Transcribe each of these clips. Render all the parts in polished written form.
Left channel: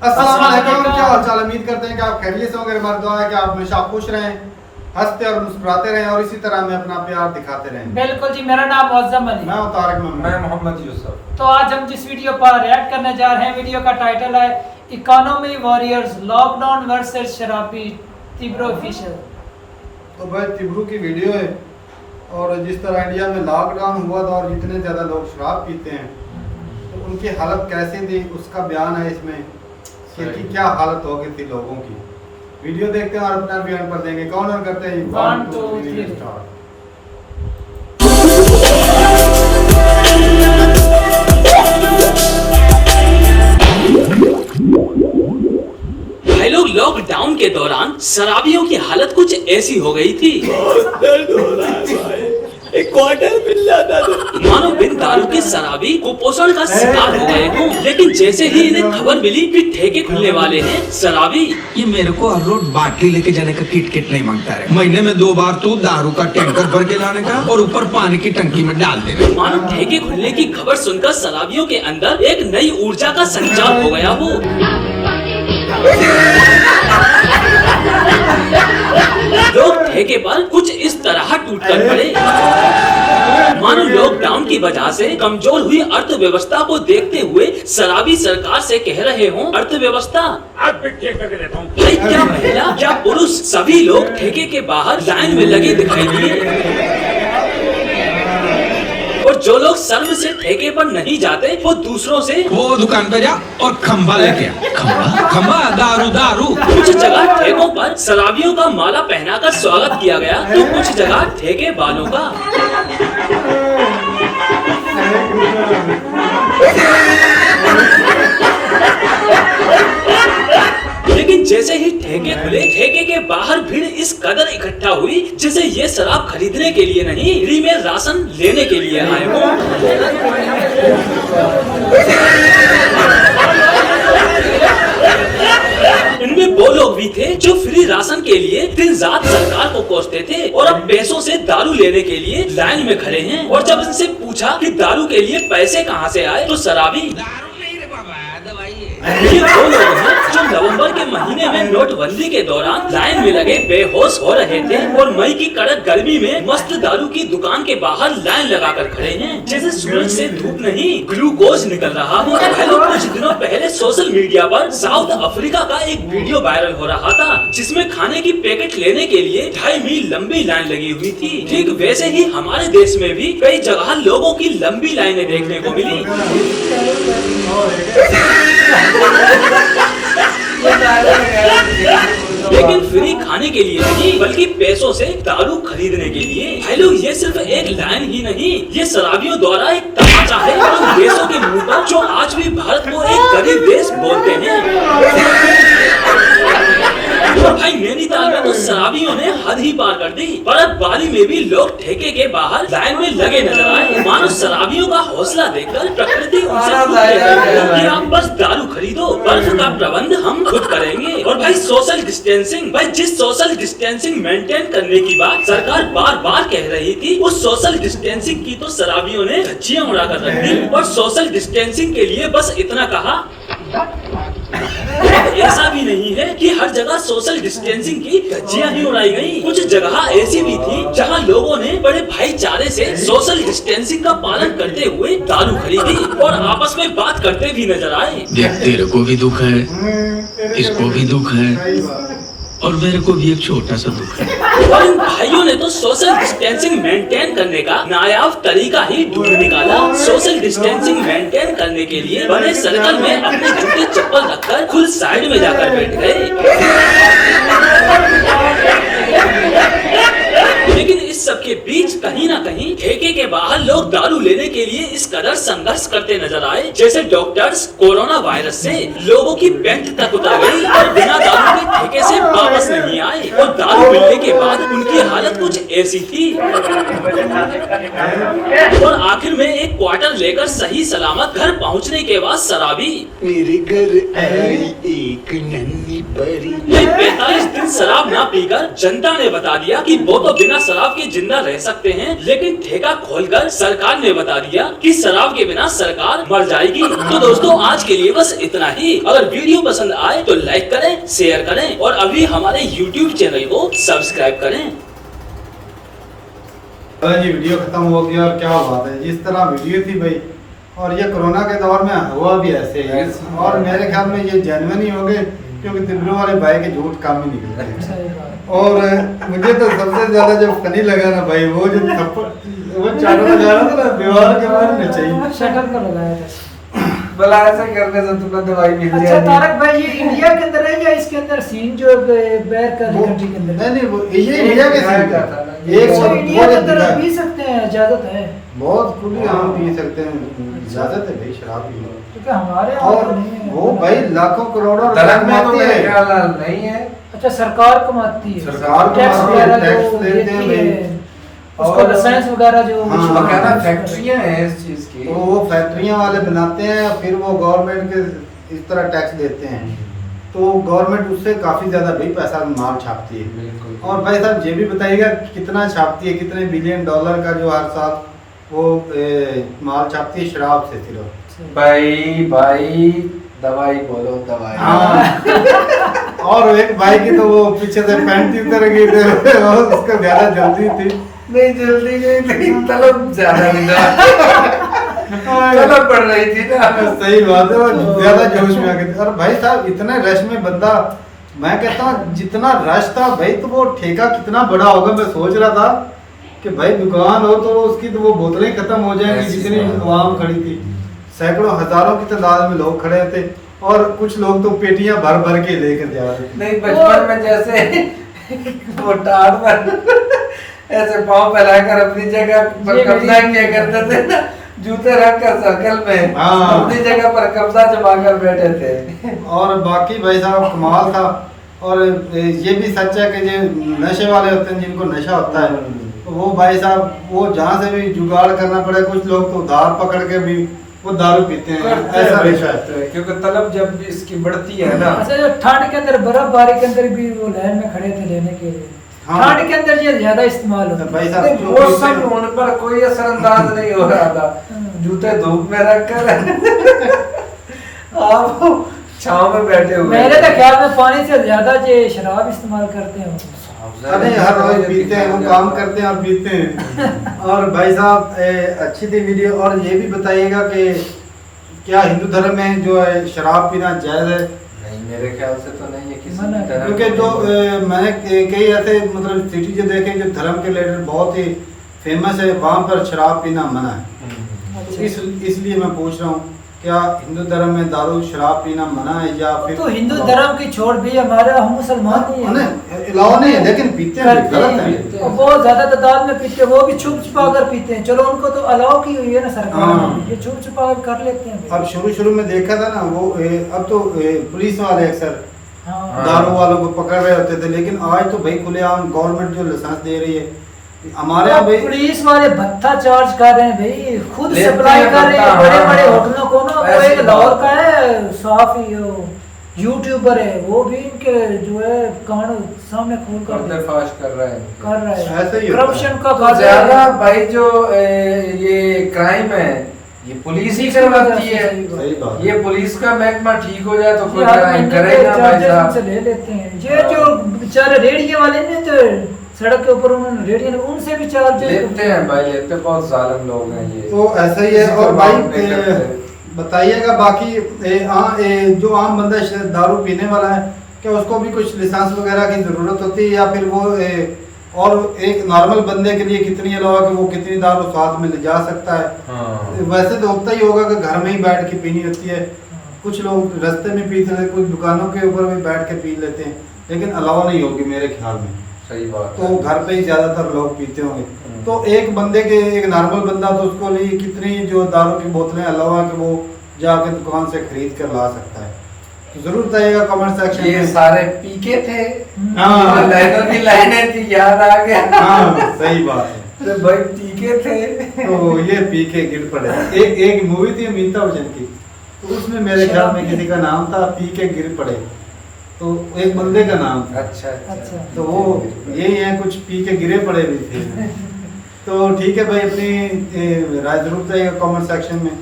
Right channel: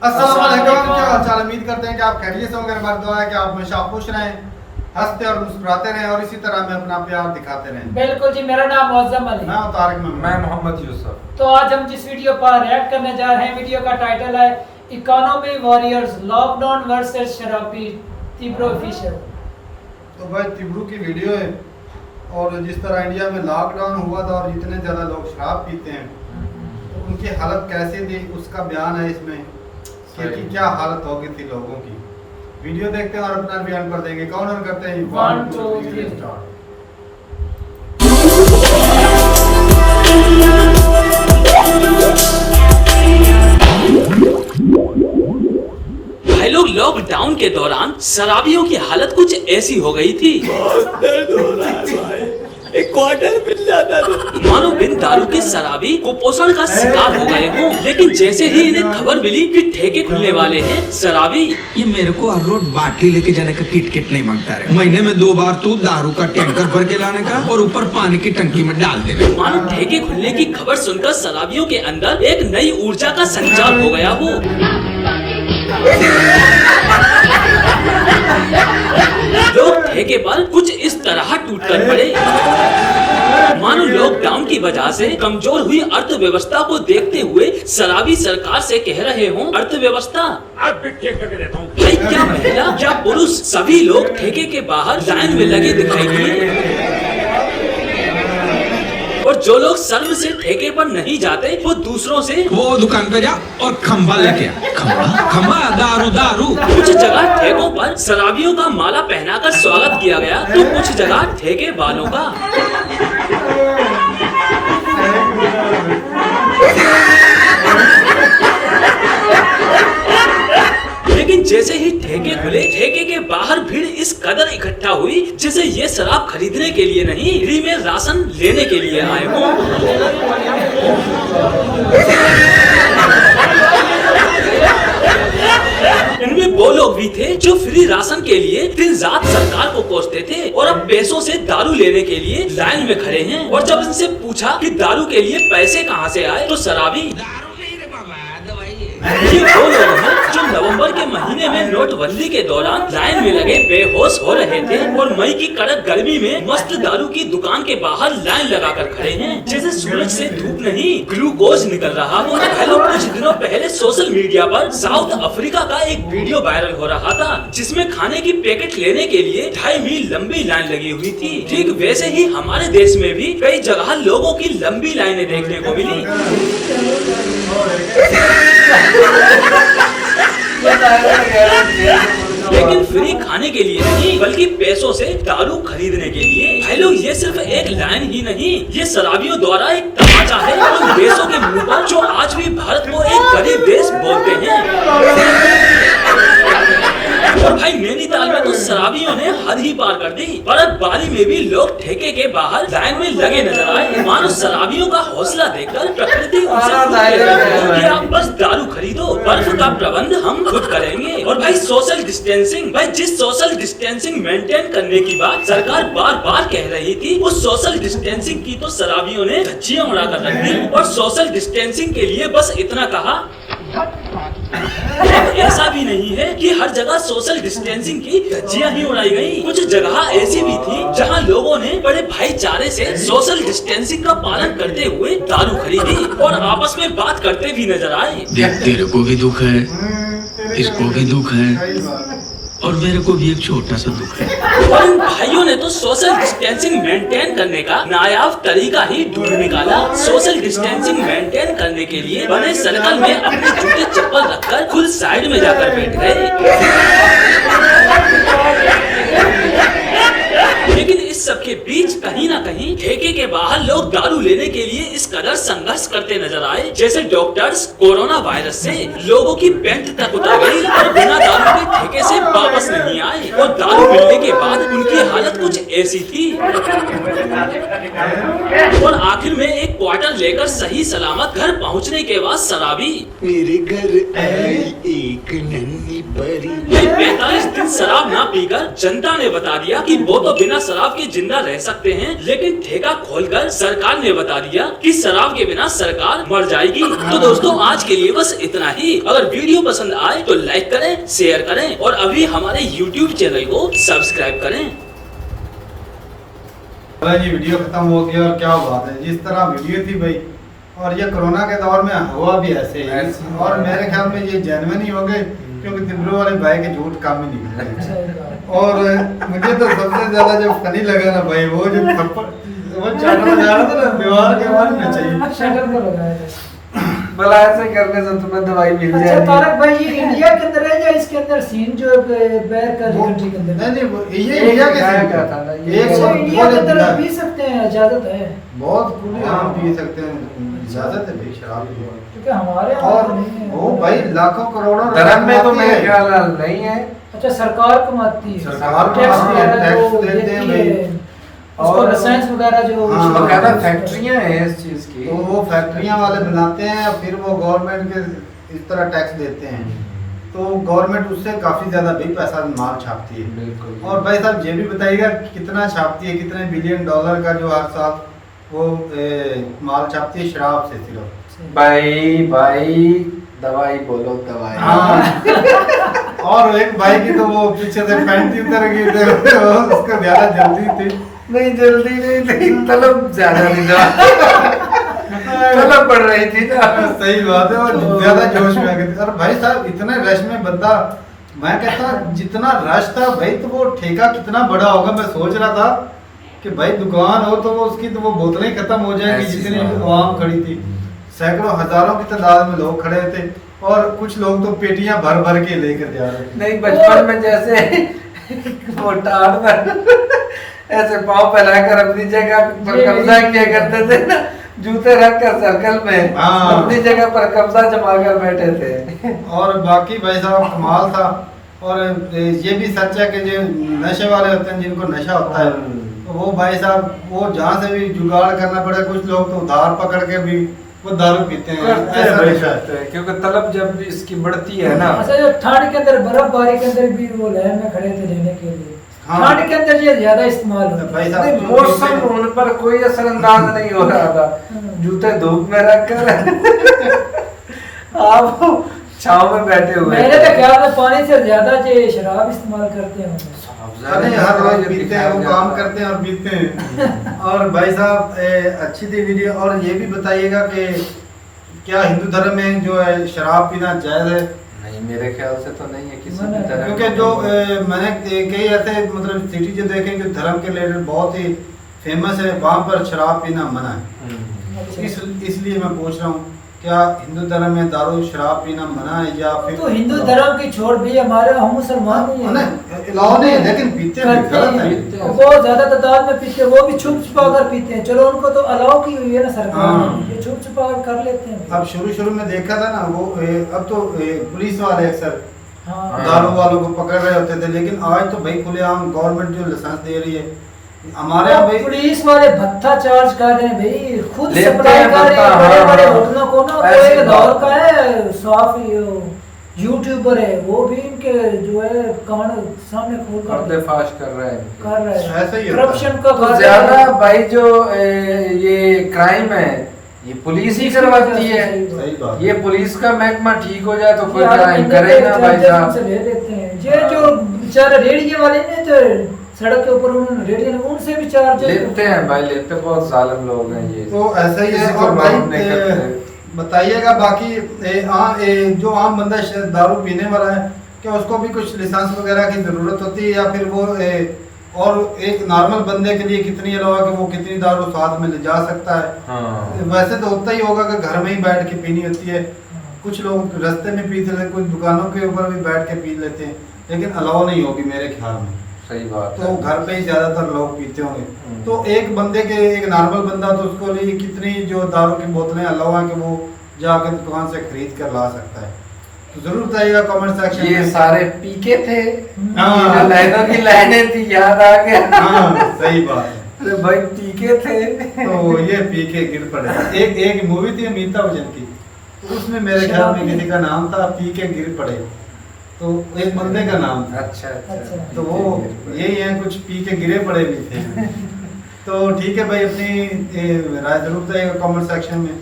अस्सलाम वालेकुम, क्या हाल चाल। उम्मीद करते हैं कि आप खैरियत से होंगे। हमारी दुआ है कि आप हमेशा खुश रहें, हंसते और मुस्कुराते रहें और इसी तरह में अपना प्यार दिखाते रहें। बिल्कुल जी, मेरा नाम मुअज्जम अली। मैं हूं तारिक महमूद। मैं मोहम्मद यूसुफ। तो आज हम जिस वीडियो पर रिएक्ट करने जा रहे हैं, वीडियो का टाइटल है इकोनॉमी वॉरियर्स लॉकडाउन वर्सेस शराबी तिब्रो ऑफिशियल। तो भाई तिब्रू की वीडियो है और जिस तरह इंडिया में लॉकडाउन हुआ था और जितने ज़्यादा लोग शराब पीते हैं तो उनकी हालत कैसे थी उसका बयान है इसमें कि क्या हालत हो गई थी लोगों की। वीडियो देखते हैं और अपना बयान पर देंगे। कौन और करते हैं 1 2 3 स्टार्ट। भाई लोग, लॉकडाउन के दौरान शराबियों की हालत कुछ ऐसी हो गई थी, बहुत दर्द हो रहा है भाई। एक क्वार्टर मिल जाता तो मानो बिन दारू के शराबी कुपोषण का शिकार हो गए हों। लेकिन जैसे ही इन्हें खबर मिली कि ठेके खुलने वाले हैं, शराबी ये मेरे को हर रोज बाटली लेके जाने का किट नहीं मांगता है। महीने में 2 बार तो दारू का टैंकर भर के लाने का और ऊपर पानी की टंकी में डाल देने। मानो ठेके खुलने की खबर सुनकर शराबियों के अंदर एक नई ऊर्जा का संचार हो गया हो। लोग ठेके पर कुछ इस तरह टूट कर पड़े, मानो लॉकडाउन की वजह से कमजोर हुई अर्थव्यवस्था को देखते हुए शराबी सरकार से कह रहे हों, अर्थव्यवस्था अब ठीक करके देता हूँ। भाई, क्या महिला क्या पुरुष सभी लोग ठेके के बाहर लाइन में लगे दिखाई दिए। और जो लोग शर्म से ठेके पर नहीं जाते वो दूसरों से वो दुकान पे जा और खम्बा लेके आ। खम्बा खम्बा दारू। कुछ जगह ठेकों पर शराबियों का माला पहनाकर स्वागत किया गया तो कुछ जगह ठेके वालों का। लेकिन जैसे ही ठेके खुले, ठेके के बाहर भीड़ इस कदर इकट्ठा हुई जैसे ये शराब खरीदने के लिए नहीं, फ्री में राशन लेने के लिए आए हों। इनमें वो लोग भी थे जो फ्री राशन के लिए दिन रात सरकार को कोसते थे और अब पैसों से दारू लेने के लिए लाइन में खड़े हैं। और जब इनसे पूछा कि दारू के लिए पैसे कहां से आए तो शराबी ये वो लोग हैं जो नवंबर के महीने में नोटबंदी के दौरान लाइन में लगे बेहोश हो रहे थे और मई की कड़क गर्मी में मस्त दारू की दुकान के बाहर लाइन लगाकर खड़े हैं जैसे सूरज से धूप नहीं ग्लूकोज निकल रहा हो। पहले कुछ दिनों पहले सोशल मीडिया पर साउथ अफ्रीका का एक वीडियो वायरल हो रहा था जिसमें खाने की पैकेट लेने के लिए 2.5 मील लंबी लाइन लगी हुई थी। ठीक वैसे ही हमारे देश में भी कई जगह लोगों की लंबी लाइनें देखने को मिली। लेकिन फ्री खाने के लिए नहीं बल्कि पैसों से दारू खरीदने के लिए। भाई लोग, ये सिर्फ एक लाइन ही नहीं, ये शराबियों द्वारा एक तमाचा है उन देशों के मुंह पर जो आज भी भारत को एक गरीब देश बोलते हैं। और भाई, नैनीताल में तो शराबियों ने हद ही पार कर दी। बर्फबारी में भी लोग ठेके के बाहर लाइन में लगे नजर आए। मानो शराबियों का हौसला देखकर प्रकृति उनसे खुद कह रही है कि आप बस दारू खरीदो, बर्फ का प्रबंध हम खुद करेंगे। और भाई, सोशल डिस्टेंसिंग, भाई जिस सोशल डिस्टेंसिंग मेंटेन करने की बात सरकार बार बार कह रही थी, उस सोशल डिस्टेंसिंग की तो शराबियों ने धज्जियां उड़ा कर रख दी। और सोशल डिस्टेंसिंग के लिए बस इतना कहा। अब ऐसा भी नहीं है कि हर जगह सोशल डिस्टेंसिंग की धज्जियां ही उड़ाई गई। कुछ जगह ऐसी भी थी जहां लोगों ने बड़े भाईचारे से सोशल डिस्टेंसिंग का पालन करते हुए दारू खरीदी और आपस में बात करते भी नजर आए। देख, तेरे को भी दुख है, इसको भी दुख है और मेरे को भी एक छोटा सा दुख है। और इन भाइयों ने तो सोशल डिस्टेंसिंग मेंटेन करने का नायाब तरीका ही ढूंढ निकाला। सोशल डिस्टेंसिंग मेंटेन करने के लिए बने सर्कल में अपने जूते चप्पल रखकर खुद साइड में जाकर बैठ गए। लेकिन इस सब के बीच कहीं ना कहीं ठेके के बाहर लोग दारू लेने के लिए इस कदर संघर्ष करते नजर आए जैसे डॉक्टर्स कोरोना वायरस से लोगों की पेंट तक उतर गई और बिना दारू के ठेके से वापस नहीं आए। और दारू मिलने के बाद उनकी हालत कुछ ऐसी थी। और आखिर में एक क्वार्टर लेकर सही सलामत घर पहुंचने के बाद शराबी मेरे घर आई एक नन्ही परी। 45 दिन शराब ना पीकर जनता ने बता दिया कि वो तो बिना शराब के जिंदा रह सकते हैं, लेकिन ठेका खोलकर सरकार ने बता दिया कि शराब के बिना सरकार मर जाएगी। तो दोस्तों आज के लिए बस इतना ही। अगर वीडियो पसंद आए तो लाइक करें, शेयर करें और अभी हमारे YouTube चैनल को सब्सक्राइब करें। ये वीडियो खत्म हो गया और क्या बात है, जिस तरह वीडियो थी भाई, और ये कोरोना के दौर में हुआ भी ऐसे ही, और मेरे ख्याल में ये जेन्युइन ही हो गए, क्योंकि तिब्रू वाले भाई के झूठ काम ही निकल रहे। और मुझे तो सबसे ज्यादा जो फनी लगा ना भाई, वो जो थप्पड़ वो चाटा लगा रहा था ना दीवार के बाहर में चाहिए शटर पर लगाया था। भला ऐसे करने से तुम्हें दवाई मिल अच्छा जाएगी। तारक भाई, ये इंडिया के अंदर है या इसके अंदर सीन जो बैर का वो कंट्री के अंदर है? नहीं वो ये इंडिया के सीन का था। एक अच्छा, वो इंडिया के वो अंदर दिखा। पी सकते हैं, इजाजत है? बहुत खुली आम पी सकते हैं, इजाजत है भाई शराब की। क्योंकि हमारे यहाँ और तो नहीं है। वो भाई लाखों करोड़ों रुपए धर्म में तो कमाते मेरे हैं। ख्याल नहीं है। अच्छा सरकार कमाती है, सरकार टैक्स कमाती है, वगैरह टैक्स जो लेते हैं देती भाई। है, उसको और- लाइसेंस वगैरह जो हाँ, issue बकायदा करते हैं, फैक्ट्रियां हैं इस चीज की। वो फैक्ट्रियां वाले बनाते हैं, फिर वो गवर्नमेंट के इस तरह टैक्स देते हैं, तो गवर्नमेंट उससे काफी ज्यादा भाई पैसा माल छापती है। बिल्कुल। और भाई साहब ये भी बताइएगा कि कितना छापती है, कितने बिलियन डॉलर का जो हर साल वो माल छापती है शराब से सिर्फ। भाई दवाई बोलो दवाई। हाँ। और एक भाई की तो वो पीछे से पैंट ही उतर गई थी, वो उसको ज्यादा जल्दी थी। नहीं जल्दी नहीं थी, तलब ज्यादा तलब पड़ रही थी ना। सही बात है, वो ज्यादा जोश में आ गए थे। और भाई साहब इतने रश में बंदा, मैं कहता हूँ जितना रश था भाई, तो वो ठेका कितना बड़ा होगा। मैं सोच रहा था कि भाई दुकान हो तो उसकी तो वो बोतलें खत्म हो जाएंगी, ऐसी जितनी बात है। आवाम खड़ी थी। सैकड़ों हजारों की तादाद में लोग खड़े थे, और कुछ लोग तो पेटियां भर भर के लेकर जा रहे थे। नहीं बचपन में जैसे वो टाड़ पर ऐसे पाँव फैलाकर अपनी जगह पर कब्जा किया करते थे ना, जूते रख कर सर्कल में हाँ। अपनी जगह पर कब्जा जमा कर बैठे थे। और बाकी भाई साहब कमाल था। और ये भी सच है कि जो नशे वाले होते हैं, जिनको नशा होता है, तो वो भाई साहब वो जहाँ से भी जुगाड़ करना पड़े, कुछ लोग तो उधार पकड़ के भी वो दारू पीते हैं, ऐसा नशा है। क्योंकि तलब जब इसकी बढ़ती है ना। अच्छा जो ठंड के अंदर बर्फबारी के अंदर भी वो लाइन में खड़े थे लेने के लिए, हाँ। ठंड के अंदर ये ज्यादा इस्तेमाल होता है। भाई साहब नहीं, जो मौसम पीते हैं- उन पर कोई असरअंदाज नहीं हो रहा था। जूते धूप में रखकर आप छांव में बैठे हुए मेरे तो ख्याल में पानी से ज्यादा जो शराब इस्तेमाल करते हैं। अरे हर रोज पीते हैं, वो काम करते हैं और पीते हैं। और भाई साहब अच्छी थी वीडियो। और ये भी बताइएगा कि क्या हिंदू धर्म में जो है शराब पीना जायज है? नहीं मेरे ख्याल से तो नहीं है किसी मना भी तरह। क्योंकि जो मैंने कई ऐसे मतलब सिटी जो देखे जो धर्म के रिलेटेड बहुत ही फेमस है, वहाँ पर शराब पीना मना है। तो इसलिए मैं पूछ रहा हूँ, क्या हिंदू धर्म में दारू शराब पीना मना है या फिर तो हिंदू धर्म की छोड़ भी हमारे हम मुसलमान नहीं है। नहीं अलाउ नहीं है, लेकिन पीते हैं, गलत है। और बहुत ज्यादा तादाद में पीते हैं, वो भी छुप छुपा कर पीते हैं। चलो उनको तो अलाउ की हुई है ना सरकार हाँ। ने, ये छुप छुपा कर लेते हैं। अब शुरू में देखा था ना वो अब तो पुलिस वाले अक्सर हाँ। दारू वालों को पकड़ रहे होते थे, लेकिन आज तो भाई खुलेआम गवर्नमेंट जो लाइसेंस दे रही है। हमारे यहाँ भाई पुलिस वाले भत्ता चार्ज कर रहे हैं भाई, खुद लेते सप्लाई हैं कर रहे भत्ता, हैं बड़े हाँ, बड़े हाँ। होटलों को ना। वो ऐसी एक बात लाहौर है। का है साफ यूट्यूबर है, वो भी इनके जो है कान सामने खोल कर पर्दाफाश कर रहे हैं। कर रहा है। ऐसा ही होता है। करप्शन का तो कर रहा ज्यादा है। भाई जो ये क्राइम है ये पुलिस ही करवाती है। सही बात ये पुलिस का महकमा ठीक हो जाए तो कोई यार क्राइम महीने करे के ना भाई चार्जेस उनसे साहब। ले लेते हैं। ये जो बेचारे रेडियो वाले ने जो सड़क के ऊपर उन्होंने रेडियो उनसे भी चार्जेस लेते हैं भाई, लेते बहुत जालिम लोग हैं ये। तो ऐसा ही है। किसी और को भाई माफ नहीं करते। बताइएगा बाकी जो आम बंदा दारू पीने वाला है, क्या उसको भी कुछ लाइसेंस वगैरह की जरूरत होती है, या फिर वो और एक नॉर्मल बंदे के लिए कितनी अलावा कि वो कितनी दारू साथ में ले जा सकता है? हाँ। वैसे तो होता ही होगा कि घर में ही बैठ के पीनी होती है, कुछ लोग रास्ते में पीते हैं, कुछ दुकानों के ऊपर भी बैठ के पी लेते हैं, लेकिन अलाउ नहीं होगी मेरे ख्याल में। सही बात तो घर पे ही ज्यादातर लोग पीते होंगे। तो एक बंदे के एक नॉर्मल बंदा तो उसको लिए कितनी जो दारू की बोतलें अलाउ है कि वो जाके दुकान से खरीद कर ला सकता है? तो जरूर बताइएगा कमेंट सेक्शन ये में। सारे पीके थे। हाँ। लाइनों की लाइनें थी, याद आ गया। हाँ सही बात है। अरे भाई पीके थे। तो ये पी के गिर पड़े। एक मूवी थी अमिताभ बच्चन की, तो उसमें मेरे ख्याल में किसी का नाम था पी के गिर पड़े। तो एक बंदे का नाम था। अच्छा अच्छा। तो वो यही है, कुछ पी के गिरे पड़े भी थे। तो ठीक है भाई, अपनी राय जरूर बताइएगा कमेंट सेक्शन में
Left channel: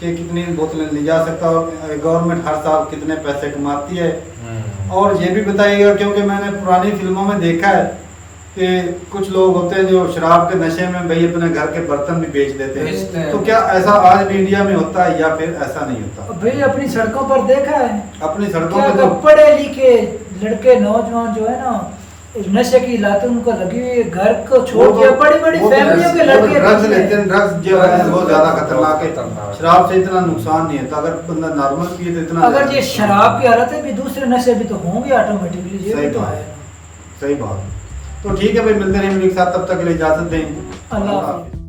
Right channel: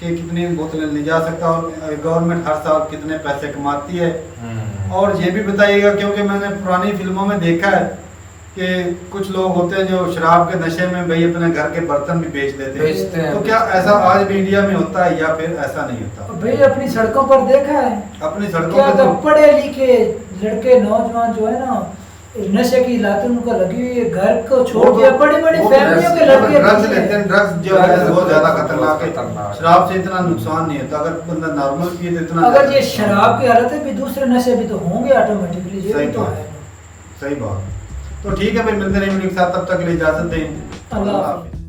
कि कितनी बोतलें ली जा सकता है और गवर्नमेंट हर साल कितने पैसे कमाती है। और ये भी बताइएगा, क्योंकि मैंने पुरानी फिल्मों में देखा है कि कुछ लोग होते हैं जो शराब के नशे में भाई अपने घर के बर्तन भी बेच देते बेचते हैं। हैं। तो क्या ऐसा आज भी इंडिया में होता है या फिर ऐसा नहीं होता? भाई अपनी सड़कों पर देखा है, अपनी सड़कों क्या पे तो तो पढ़े लिखे लड़के नौजवान जो है ना, नशे की लत उनको लगी हुई है, घर को छोड़ के बड़ी बड़ी फैमिलियों के लड़के ड्रग्स लेते हैं। ड्रग्स जो है वो ज्यादा खतरनाक है। खतरनाक। शराब से इतना नुकसान नहीं होता, अगर बंदा नॉर्मल पिए तो इतना अगर ये शराब की हालत है भी, दूसरे नशे भी तो होंगे ऑटोमेटिकली। ये सही भी तो बात। है। सही बात। तो ठीक है भाई, मिलते हैं वीडियो के साथ, तब तक के लिए इजाजत दें। अल्लाह हाफिज़।